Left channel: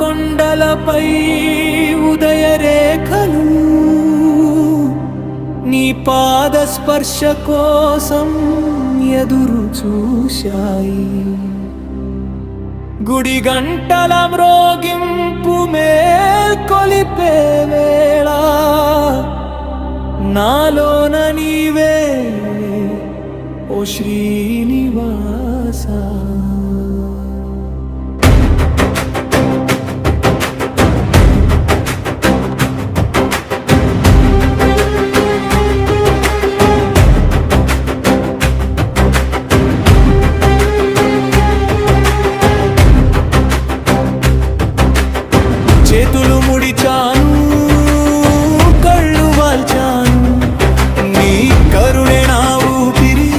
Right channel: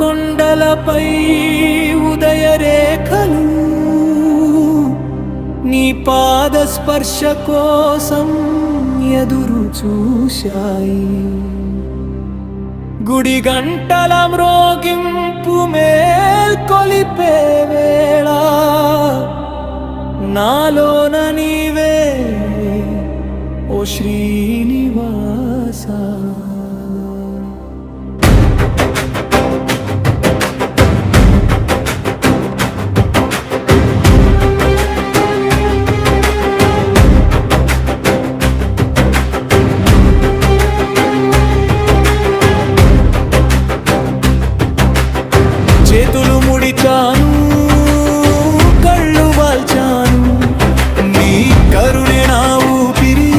కొండలపై ఉదయరేఖలు నీ పాద స్పర్శ కోసం ఎదురు చూశాయి. గుడి గంటల మ్రోగింపు మేల్కొలిపే వేళ నాలోన నీవే ఓ శ్రీనివాస. చేతులు ముడిచాను, కళ్ళు వాల్చాను, నీ కరుణే నా ఊపిరి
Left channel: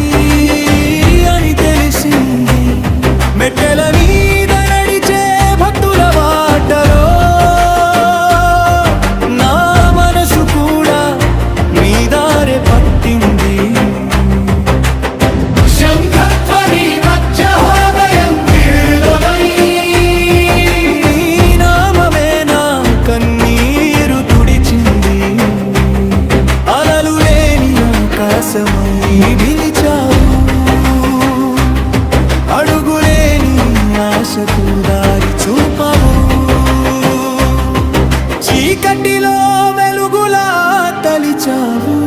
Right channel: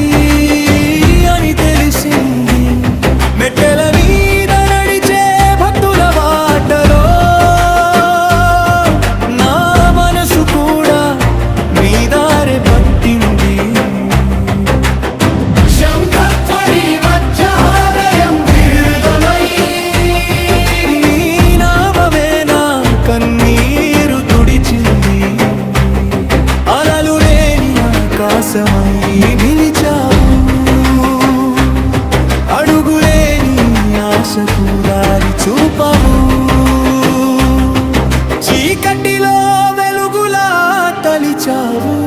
అని తెలిసింది. మెట్టెల మీద నడిచే భక్తుల బాటలో నా మనసు కూడా నీ దారి పట్టింది. కన్నీరు తుడిచింది, అలలు లేని ఆకాశమై నిలిచావు, అడుగులేని ఆశకు దారి చూపవు, చీకటిలో వెలుగులా తలిచావు.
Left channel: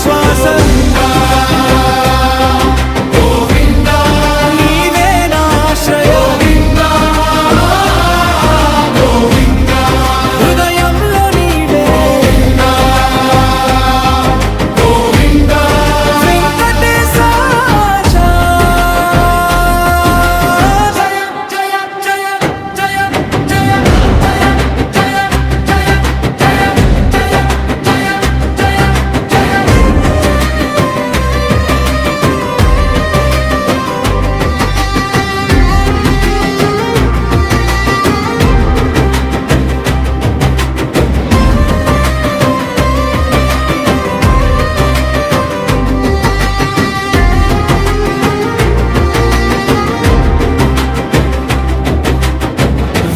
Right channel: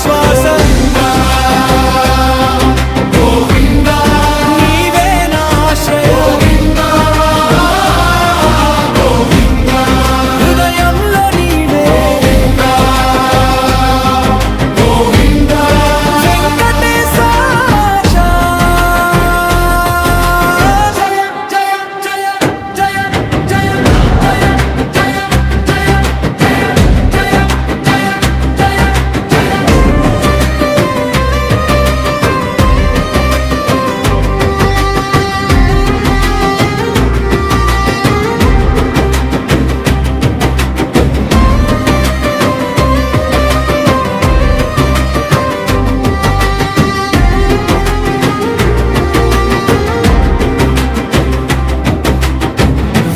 శ్వాస నీవే నా ఆశ్రయ, హృదయంలో నీవే వెంకటేశ. జయ జయ జయ జయ జయ జయ జయ జయ జయ.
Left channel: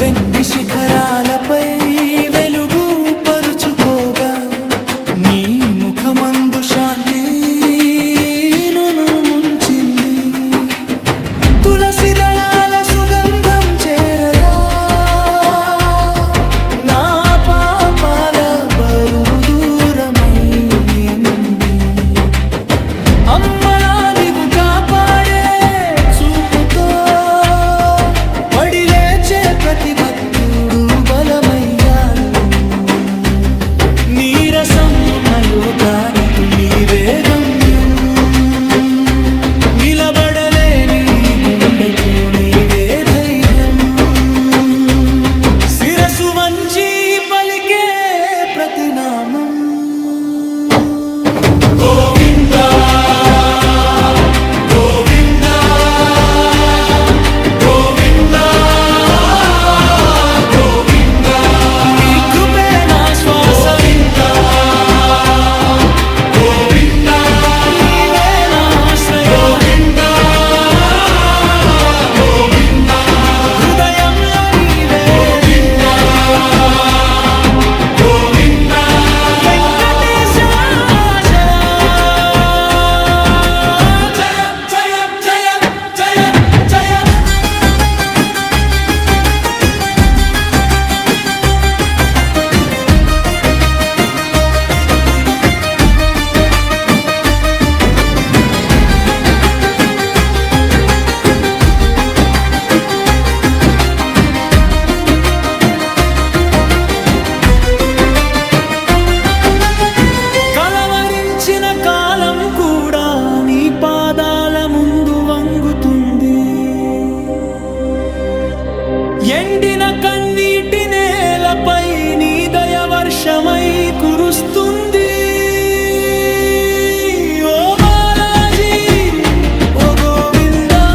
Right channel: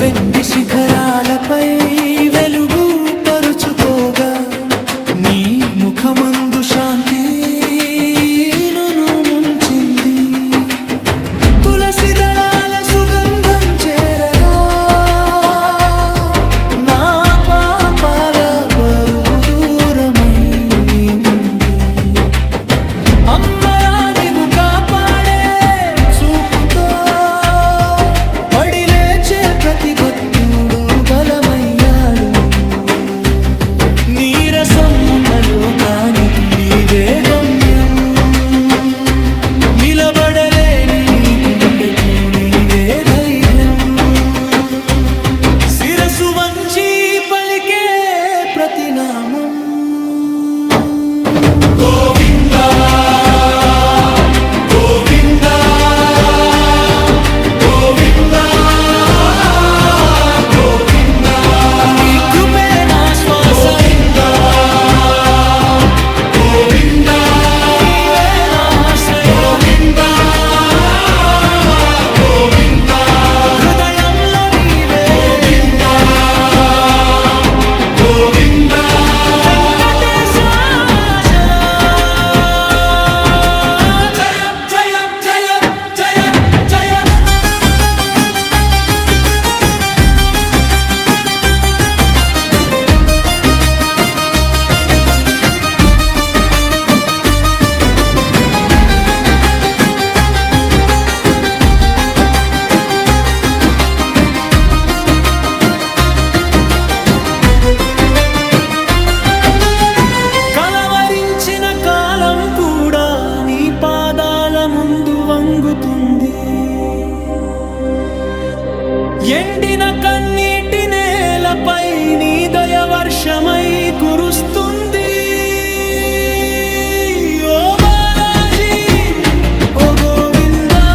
వెండి శిఖరాలపై వెలుగు పరుచుకోగా నీ ముఖమందు శాంతి నన్ను ముంచింది. తులసి దళాల సుగంధం చేరగా నా పాపాల బరువు దూరమైంది. అమ్మలా నీవు కాపాడే చూపుతో పడి లేచే ప్రతి భక్తుడు బలమయ్యాడు. నీరసం ఉన్న లోకానికి నీవే గమ్యం, నిలబడలేని గుండెకు నీవే ధైర్యం. శిరసు వంచి పలికే ప్రతినామం గోవిందా గోవిందా గోవిందా గోవిందా. నీ కృపే నా శ్వాస, గోవిందా నీవే నా ఆశ్రయ, గోవిందా హృదయంలో నీవే గోవిందా వెంకటేశ. జయ జయ జయ జయ. కలవరించిన కాలం కూడా నీ పాదాల ముందు వంగుతుంది. ఎండిన కన్నీటి నేలపై నీ దయ వర్షమై కురుస్తుంది. ఓ బాలాజీ ఓ గోవిందా,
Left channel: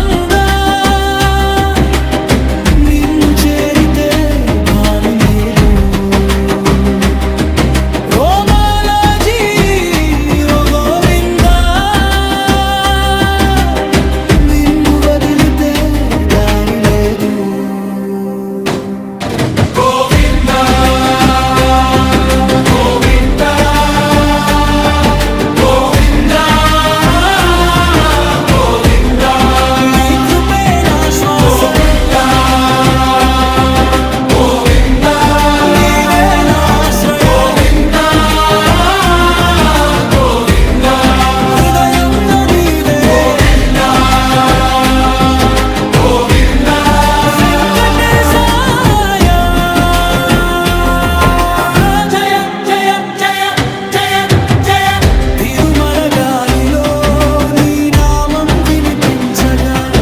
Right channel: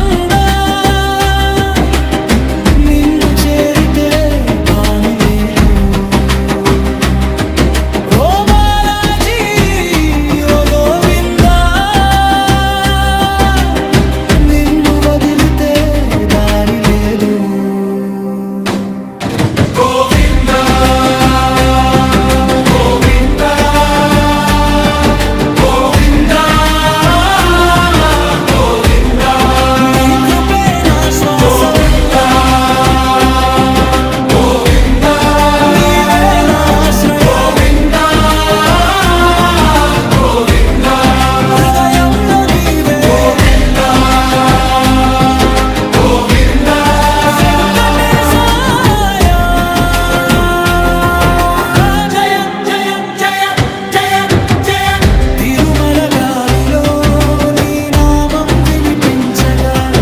నిన్ను చేరితే భాని లేదు. పంచగా